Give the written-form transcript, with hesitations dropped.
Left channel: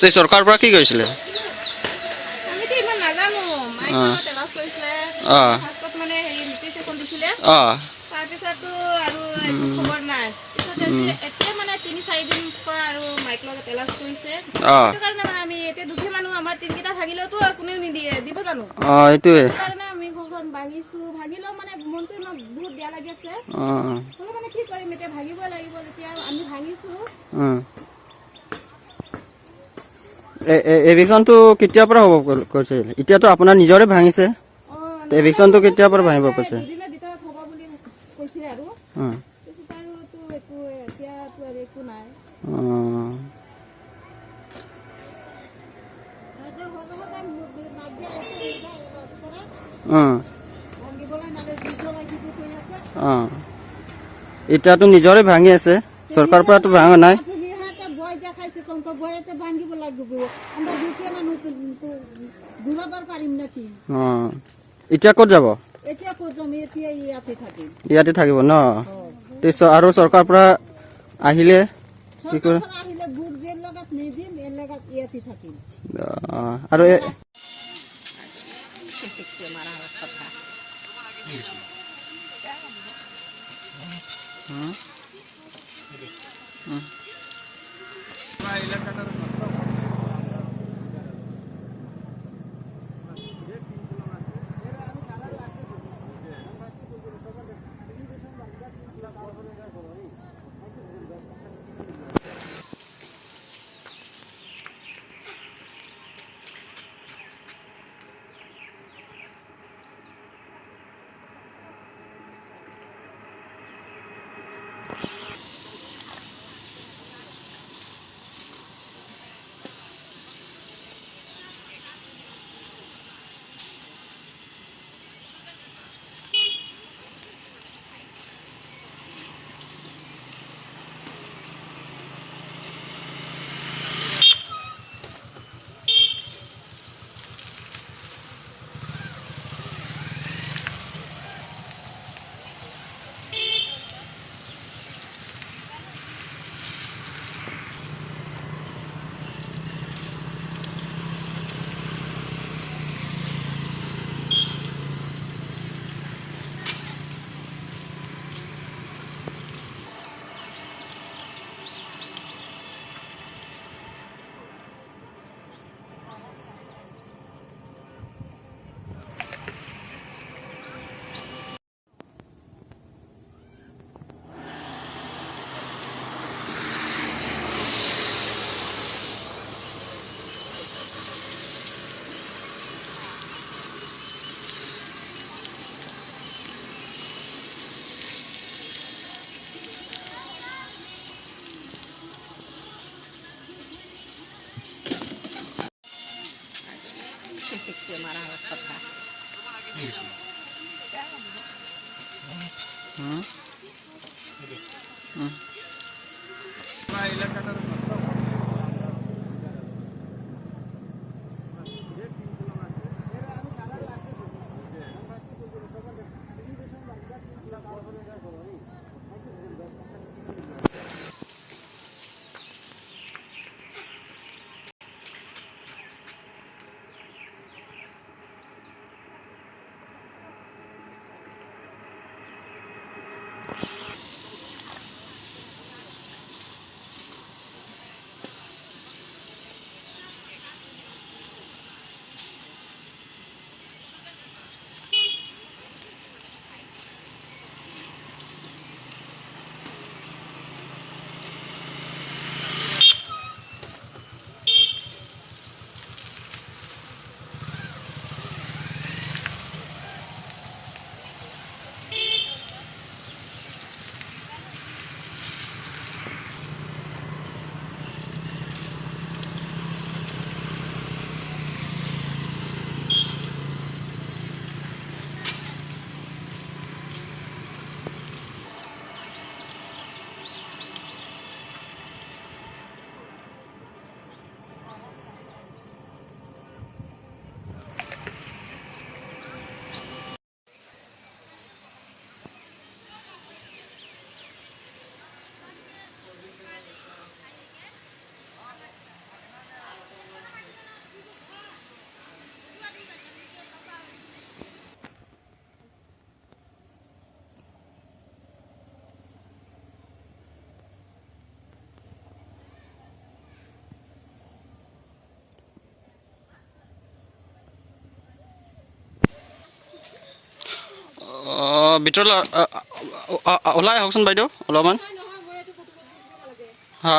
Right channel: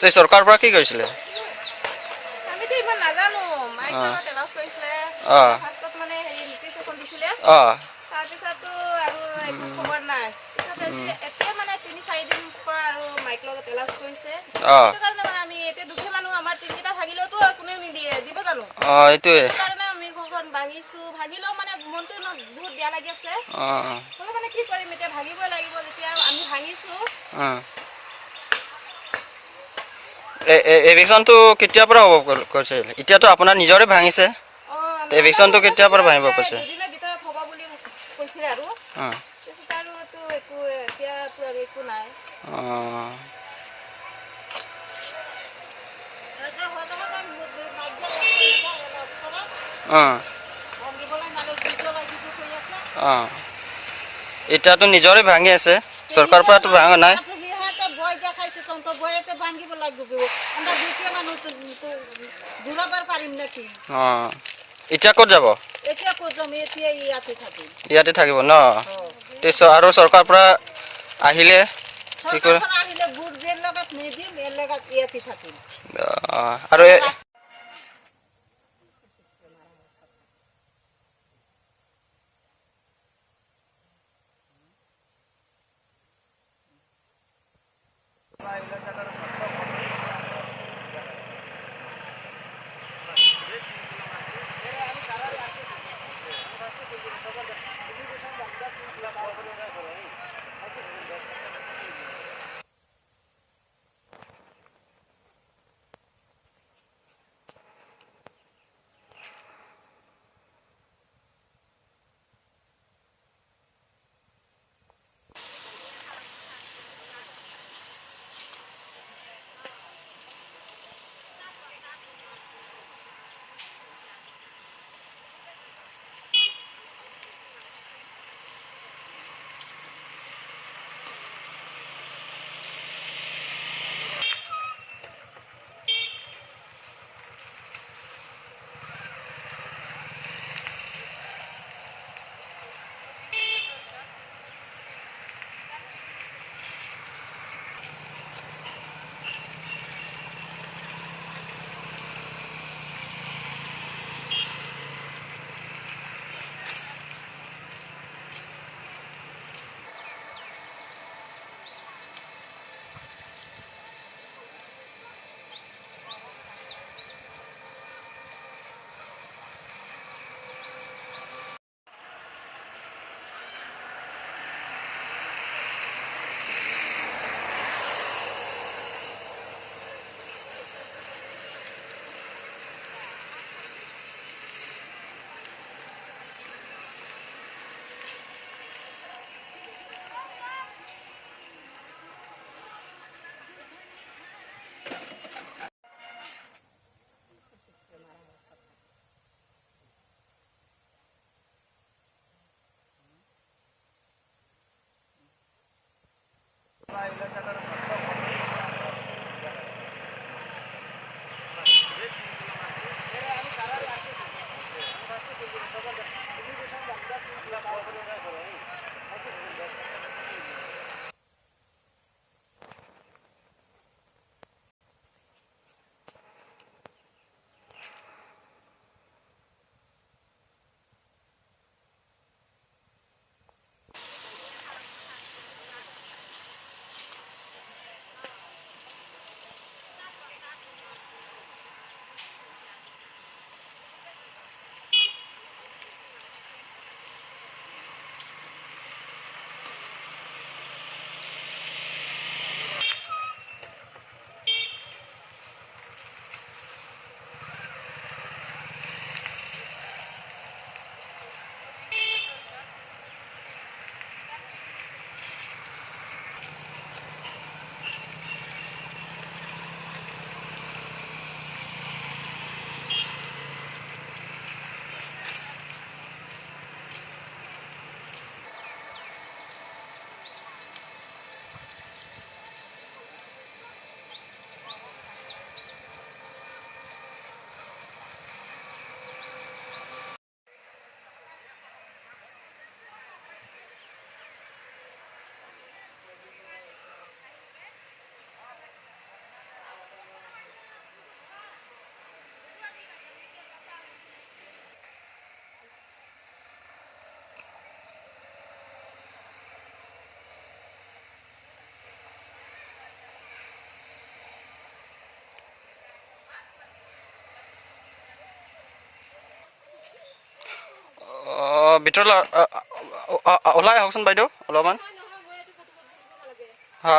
সেই চৰকাৰৰ পৰা কি কৰিছিলে? আমিতো ইমান নাজানো। মাইকত এলাউচ কৰিছিলে। ফাৰ্ষ্টত মানে হেৰি নোটিছ এখন দিছিলে। তাৰপিছতো আৰু একো খবৰ নাই। পিছত এতিয়া মানে ৩-৪ দিন পৰা আৰু মাইক লগত এলাউচ কৰিছে। সেইটো কাৰণে মানে আমি এতিয়া দুখীয়া মানুহ, আমাৰ টিনকেইটা ভাগিলেওতো কোনেও নিদিয়ে, দিব জানো? এইটোৱে। সেইটো কাৰণে আমি ঘৰখন ভাঙিছোঁ। ভাগিলেও মানে মনটো বহুত বেয়া লাগি আছে। হ'লেও মানে কি কৰিম, এতিয়া ভাঙিবই লাগিব যেতিয়া আমি ভাঙিছোঁ। এভিকশ্যনটো কেতিয়াৰ পৰা হ'ব কৈছে? এতিয়াতো আপোনাৰ নিজৰে ভাঙিছে। এভিকশ্যনটো কেতিয়াৰ পৰা ভাঙিব কৈছে? দুদিনৰ ভিতৰত হ'ব বুলি কৈছিলে আৰু। তাৰপিছত আৰুতো একো এতিয়াতো আৰু একো নাই। এতিয়াতো নিজৰে ভাঙি আছে, চৰকাৰৰ পৰাতো ভাঙা নাই। এতিয়া ক'ত যাব? ইয়াতে থাকিব ন? আৰু চৰকাৰৰ পৰা আহিলে কি কৰে? আৰু ভিতৰলৈ ওলাই আহকচোন বাইদেউ অলপমান নহয় মই এইটো ফটো কৰিব লাগে হা